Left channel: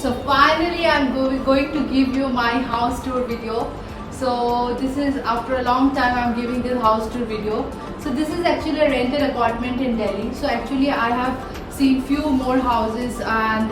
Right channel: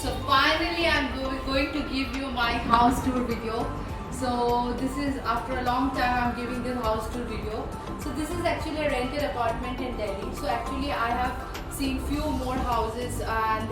So finally I'm going to give you my house tour video. So this is after a long time I'm giving this house tour video. So this is actually a rented apartment in Delhi. So actually I have seen few more houses and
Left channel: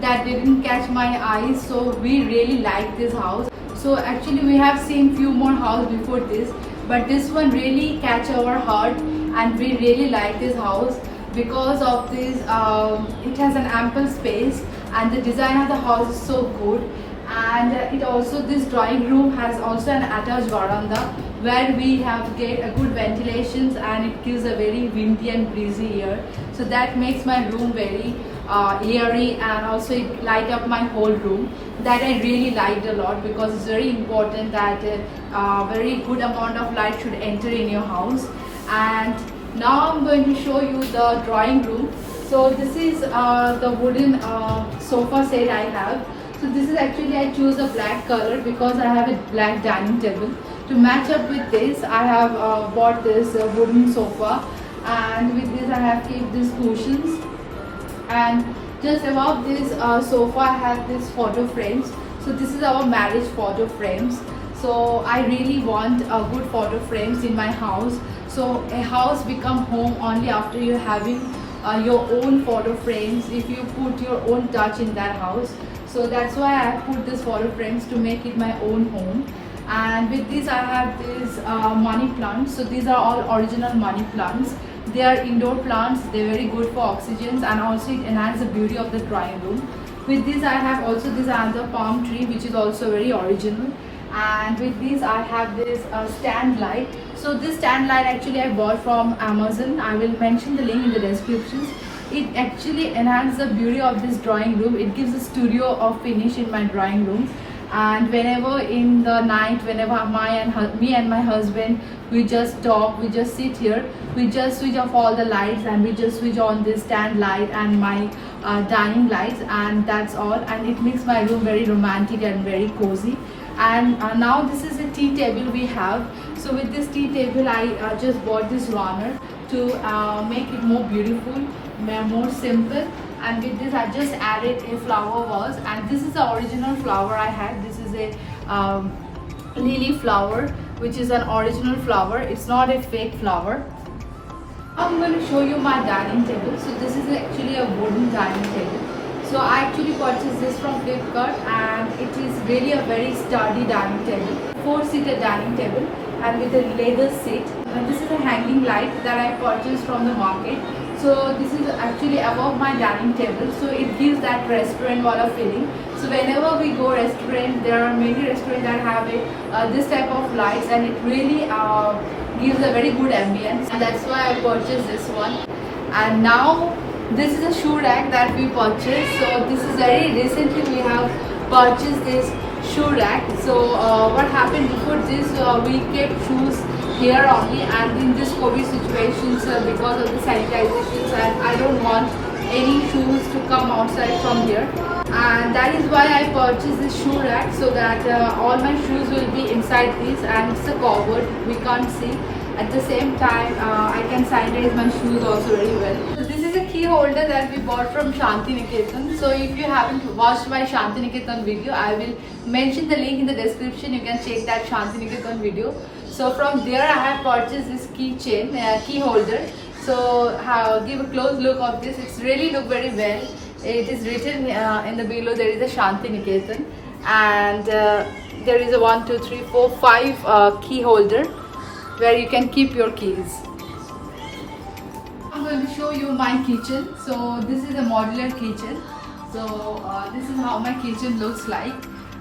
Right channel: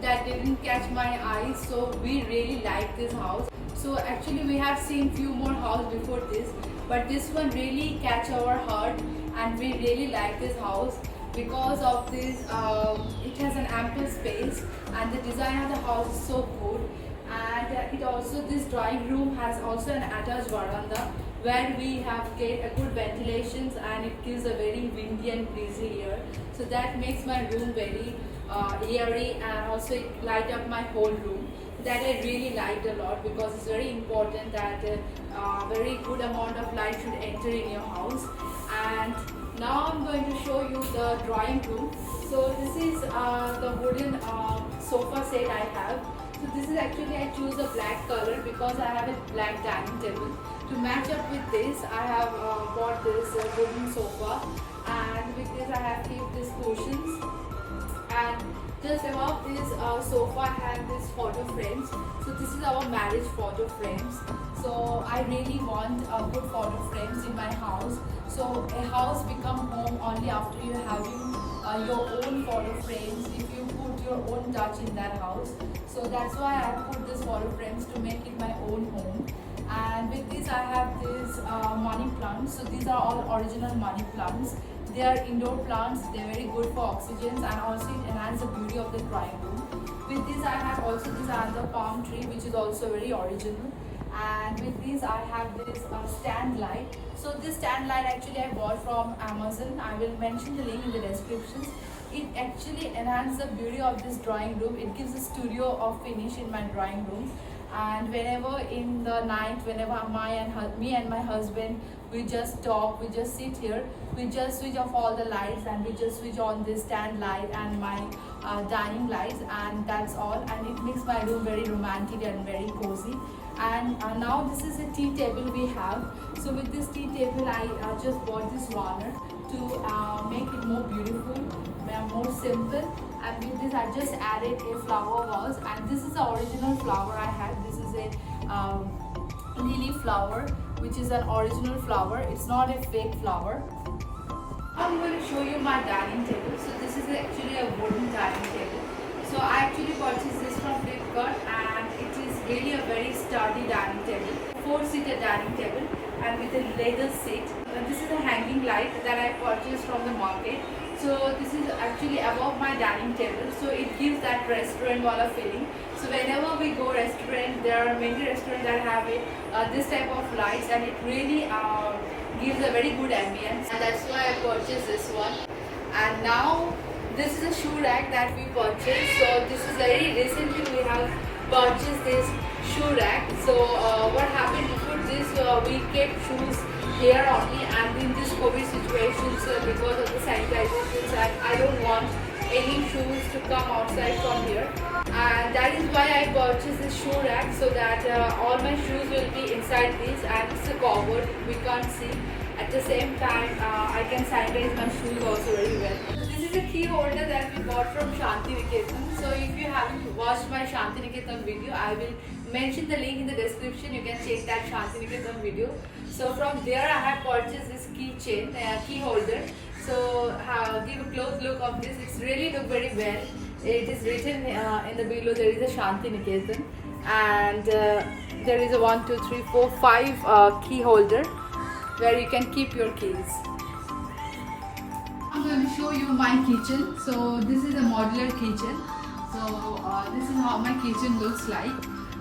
that didn't catch my eyes. So we really like this house. So actually we have seen few more houses before this, but this one really catch our heart and we really like this house because of this. It has an ample space and the design of the house is so good, and it also, this drawing room has also an attached veranda where we have get a good ventilations and it gives a very windy and breezy air. So that makes my room very airy, and also it light up my whole room. That I really liked a lot because it's very important that very good amount of light should enter in your house. And now I'm going to show you the drawing room. So this is the wooden sofa set I have. So this is actually, I choose a black color because I have a black dining table. To match up with this, I have bought this wooden sofa, and with this I have kept these cushions. And just above this sofa I have this photo frames. So this is our marriage photo frames. So I really want good photo frames in my house. So a house become home only after you having your own photo frames, if you put your own touch in that house. So that's why I put these photo frames to make it my own home. And with this I have these money plants. So these are all original money plants. They are indoor plants, they're very good for oxygens, and also it enhances the beauty of the drawing room. With this I have also this other palm tree which is also very original. And with this I have this stand light. So this stand light actually I bought from Amazon. I will mention the link in the descriptions. It actually enhances the beauty of this drawing room. It gives a studio of finish in my drawing room. And whenever in the night, whenever me and my husband, we just talk, we just sit here, we just switch off all the lights and we just switch on this stand light and my dining lights, and that's all. And it makes my room very romantic and very cozy. And now this is a tea table we have. So with this tea table I just bought this runner to make it more beautiful, more simple. And with this I just added a flower vase, and this is the original flower I had. This is a lily flower, which is an original flower. It's not a fake flower. I'm going to show you my dining table. So this is actually a wooden dining table. So I actually purchased this from Flipkart, and it is really a very sturdy dining table, 4-seater dining table, and with a leather seat. And this is a hanging light that I purchased from the market. So this is actually above my dining table, so it gives that restaurant wala feeling. So whenever we go restaurant, there are many restaurants that have this type of lights, and it really gives a very good ambience, and that's why I purchased this one. And now this is a shoe rack that we purchased. So this is very recently we have purchased this shoe rack. So what happened before this, we kept shoes here only, and in this COVID situations, because of the sanitizations, and I don't want any shoes to come outside from here, and that is why I purchased this shoe rack, so that all my shoes will be inside this, and it's a covered, we can't see. At the same time I can sanitize my shoes also very well. So this is a key holder that we bought from Shanti Niketan. So if you haven't watched my Shanti Niketan video, I will mention the link in the description. You can check that Shanti Niketan video. So from there I have purchased this keychain, key holder. So give a close look of this. It's really look very well. It is written in the below, there is a Shanti Niketan, and there is a 1, 2, 3, 4, 5 key holder where you can keep your keys. I'm going to show you my kitchen. So this is a modular kitchen. So this is how my kitchen looks like,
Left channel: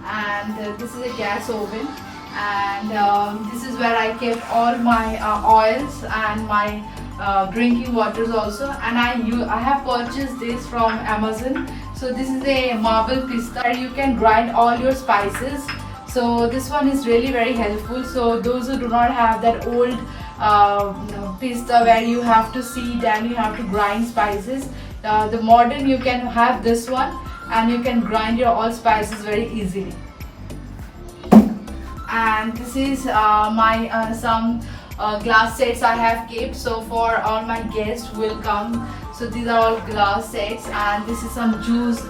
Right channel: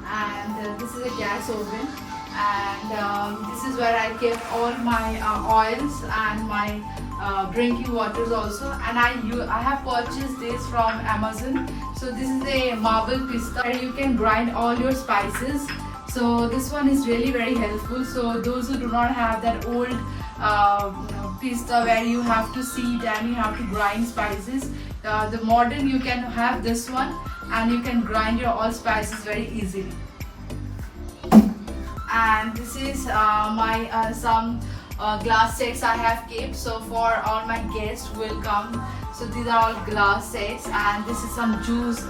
and this is a gas oven, and this is where I kept all my oils and my drinking waters also. And I have purchased this from Amazon. So this is a marble pista. You can grind all your spices. So this one is really very helpful. So those who do not have that old pista where you have to seed and you have to grind spices, the modern, you can have this one, and you can grind your all spices very easily. And this is my some glass sets I have kept. So for all my guests who will come, So these are all glass sets, and this is some juice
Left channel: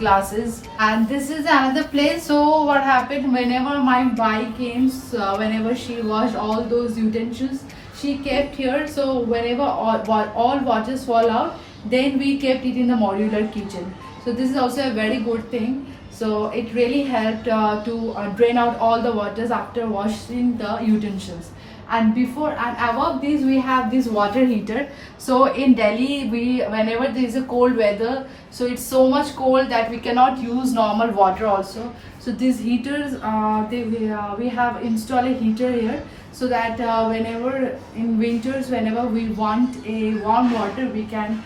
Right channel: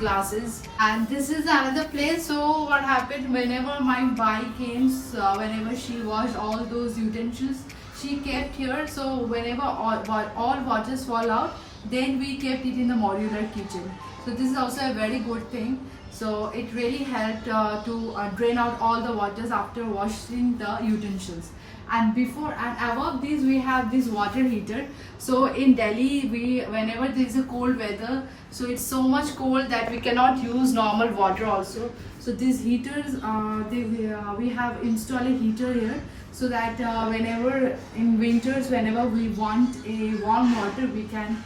glasses, and this is another place. So what happened, whenever my wife came, whenever she washed all those utensils, she kept here. So whenever all waters fall out, then we kept it in the modular kitchen. So this is also a very good thing. So it really helped to drain out all the waters after washing the utensils. And before and above these we have this water heater. So in Delhi, whenever there is a cold weather, so it's so much cold that we cannot use normal water also. So these heaters, we have installed a heater here, so that whenever in winters, whenever we want a warm water, we can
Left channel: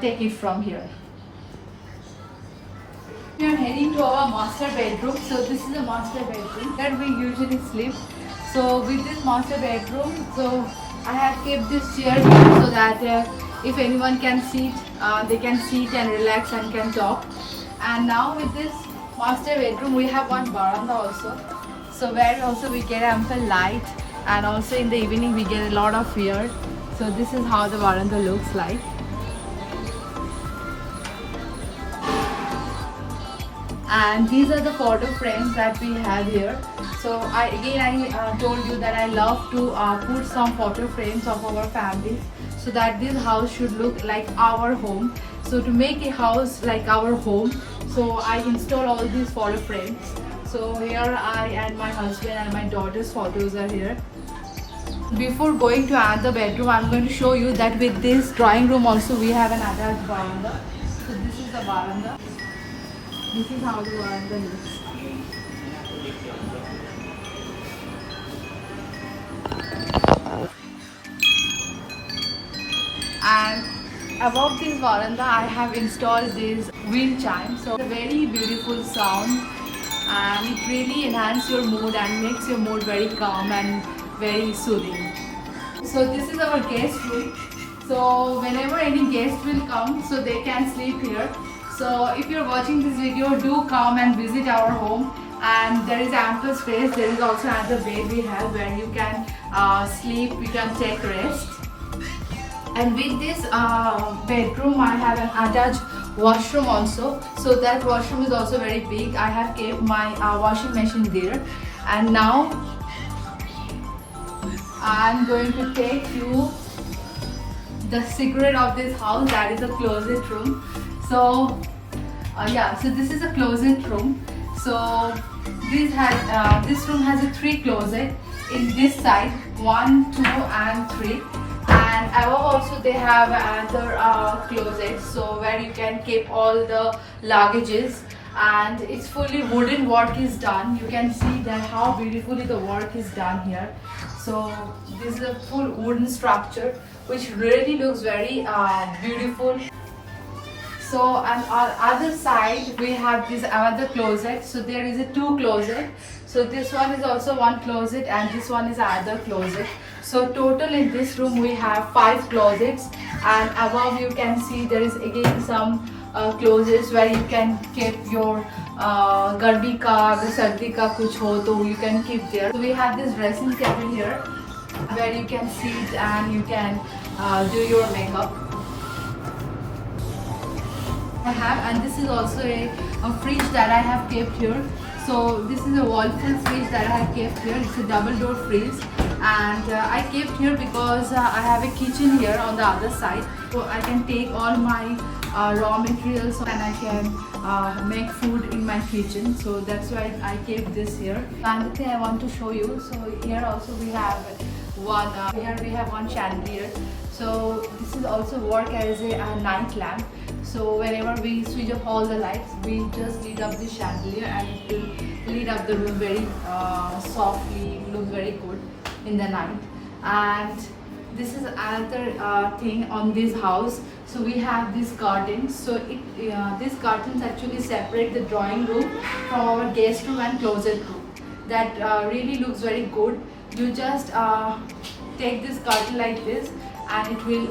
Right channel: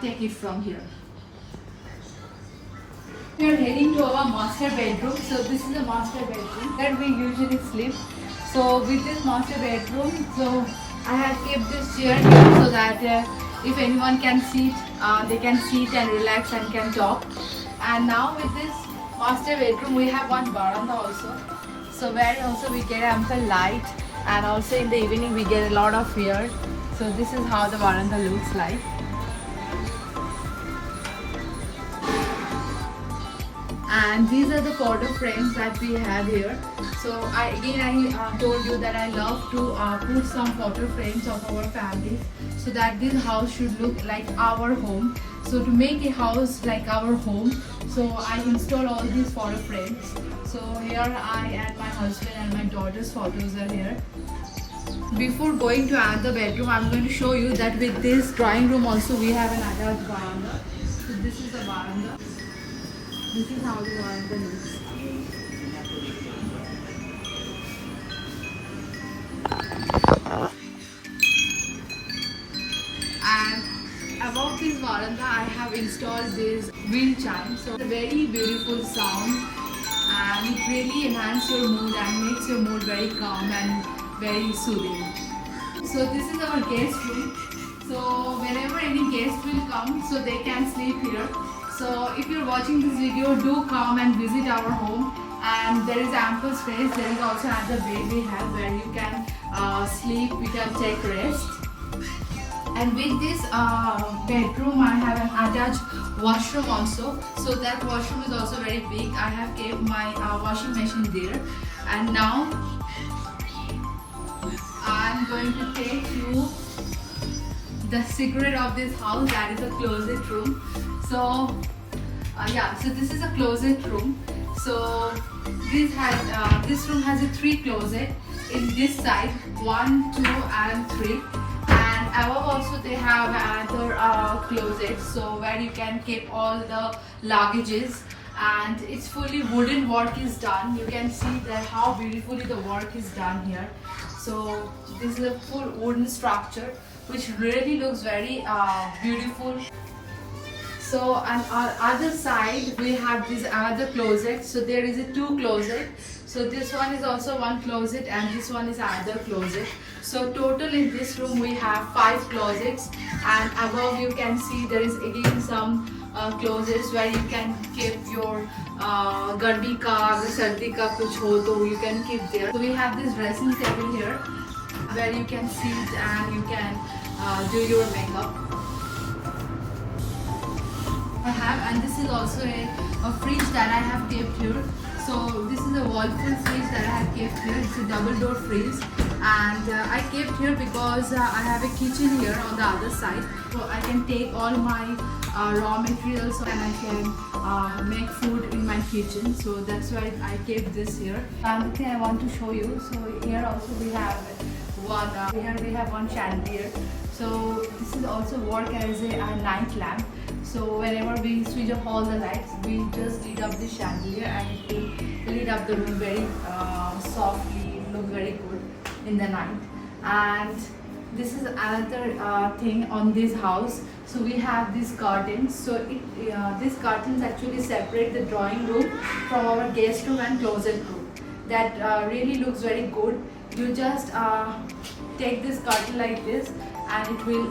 take it from here. We are heading to our master bedroom. So this is a master bedroom that we usually sleep. So with this master bedroom, so I have kept this chair here so that if anyone can sit, they can sit and relax and can talk. And now with this master bedroom, we have one veranda also. So where also we get ample light, and also in the evening we get a lot of air. So this is how the veranda looks like. And these are the photo frames that we have here. So I told you that I love to put some photo frames of our family, so that this house should look like our home. So to make a house like our home, so I install all these photo frames. So here I and my husband and my daughter's photos are here. Before going to another bedroom, I'm going to show you that with this drawing room also we have another veranda. So this is the veranda. This is how the veranda looks. And above this veranda, I have installed this wind chime. So it's a very beautiful sound, and it really enhances your mood and makes your mood very calm and very soothing. So this is our guest room. So whenever any guest will come, so they can sleep here. So if you're watching this video, do come and visit our home, and there is ample space. There is also another bed we have where you can sleep, you can take rest. And with this bedroom, I have an attached washroom also. So that washroom is also very big. I have kept my washing machine there. And now I'm going to take you the secret of this house, that is a closet room. So so this is a closet room. So this room has a 3 closet in this side, 1, 2 and 3. And above also they have another closet, so where you can keep all the luggages. And it's fully wooden work is done. You can see that how beautifully the work is done here. So this is a full wooden structure which really looks very beautiful. So on other side we have this another closet. So there is a 2 closet. So this one is also 1 closet, and this one is another closet. So total in this room we have 5 closets, and above you can see there is again some closets where you can keep your garmi ka, sardi ka kuch ho to you can keep there. So we have this dressing table here where you can sit and you can do your makeup. And this is also a fridge that I have kept here. So this is a Whirlpool fridge that I have kept here. It's a double door fridge, and I kept here because I have a kitchen here on the other side, so I can take all my raw materials and I can make food in my kitchen. So that's why I kept this here. Another thing I want to show you. So here also we have one chandelier. So this is also work as a night lamp. So whenever we switch off all the lights, we just lit up the chandelier and it will lit up the room very softly, look very good in the night. And this is another thing on this house. So we have these curtains. So these curtains actually separate the drawing room from our guest room and closet room. That really looks very good. You just take this curtain like this, and it will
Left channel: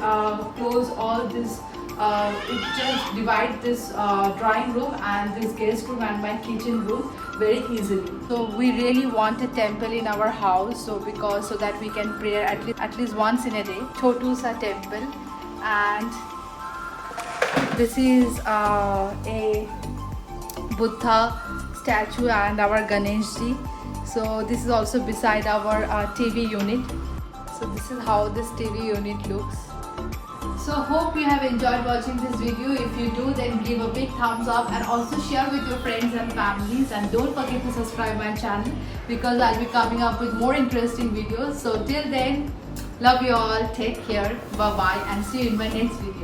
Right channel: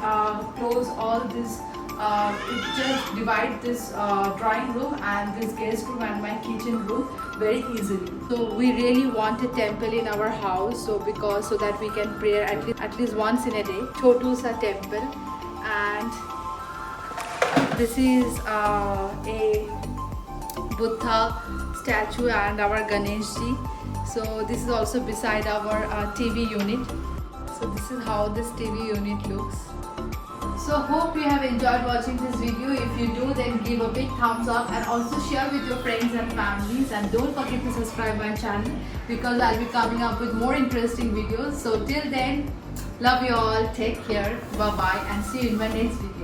close all this. It just divides this drawing room and this guest room and my kitchen room very easily. So we really want a temple in our house, so that we can pray at least once in a day. Chotu sa temple, and This is a Buddha statue and our Ganesh ji. So this is also beside our TV unit. So this is how this TV unit looks. So hope you have enjoyed watching this video. If you do, then give a big thumbs up and also share with your friends and families, and don't forget to subscribe my channel because I'll be coming up with more interesting videos. So till then, love you all, take care, bye bye, and see you in my next video.